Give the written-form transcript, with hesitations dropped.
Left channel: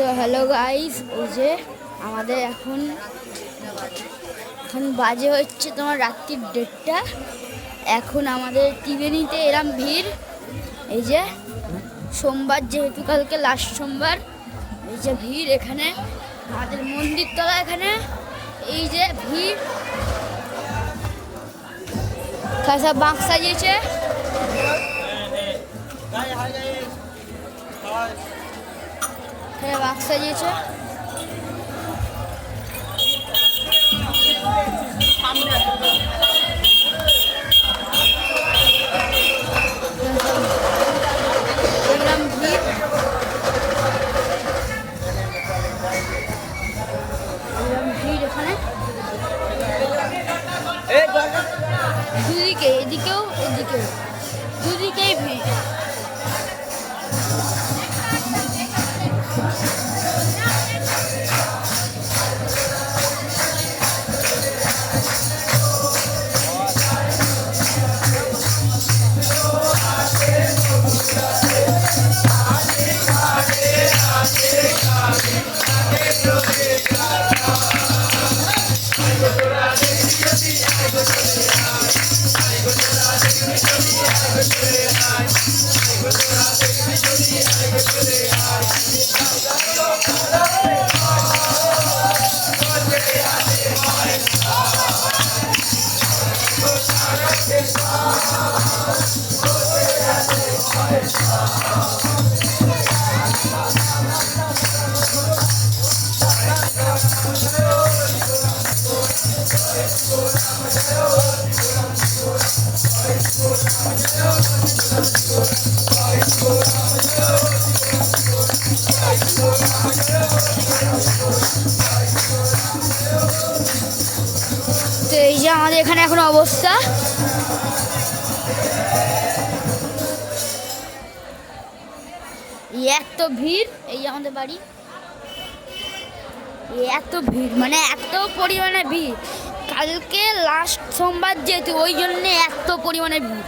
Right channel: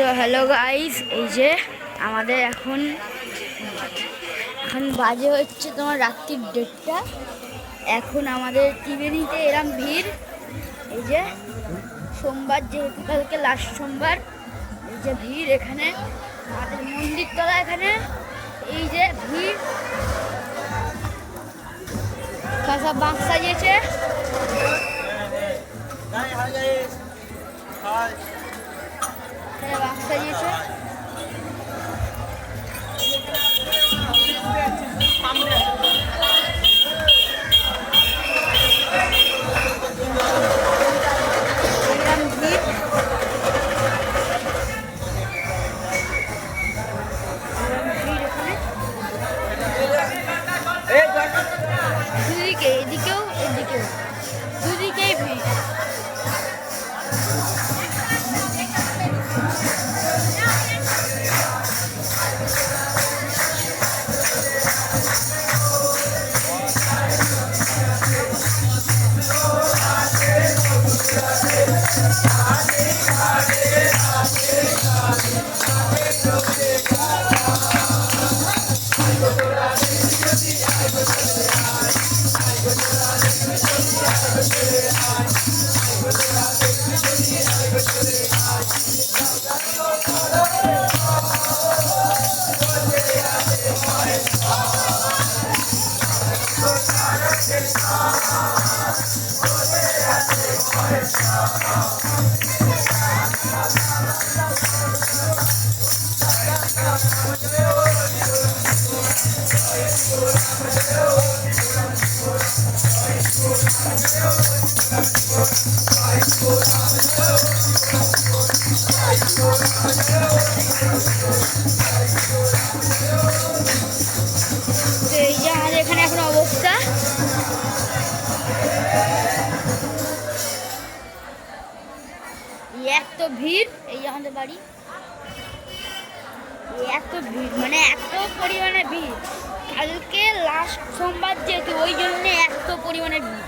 তো hello guys, এই যে আমাদের এখন বাজে হচ্ছে তোমার রাত্রির 1:30। এখন আমাদের ত্রিবেণীতে এরম ভিড়। এই যে সোমবার, যেহেতু কালকে লাস্ট সোমবার, এই যে ভিড় এখানে আমাদের মন্দির তলা। এখানে এই যে ভিড়, খাসা বাঁক সাজিয়েছে। বাঁক সাজিয়েছে। দুদিকে, এদিকেও এদিকেও, দুদিকেই ভিড়। তো এই যে আমাদের এখানে এখন অবস্থা, এত ভিড়। এই যে আমাদের বাড়ি, এত ভিড় মানে এত পরিমাণে ভিড়। কালকে লাস্ট সোমবার যেহেতু, ওই জন্য এত পরিমাণে ভিড়।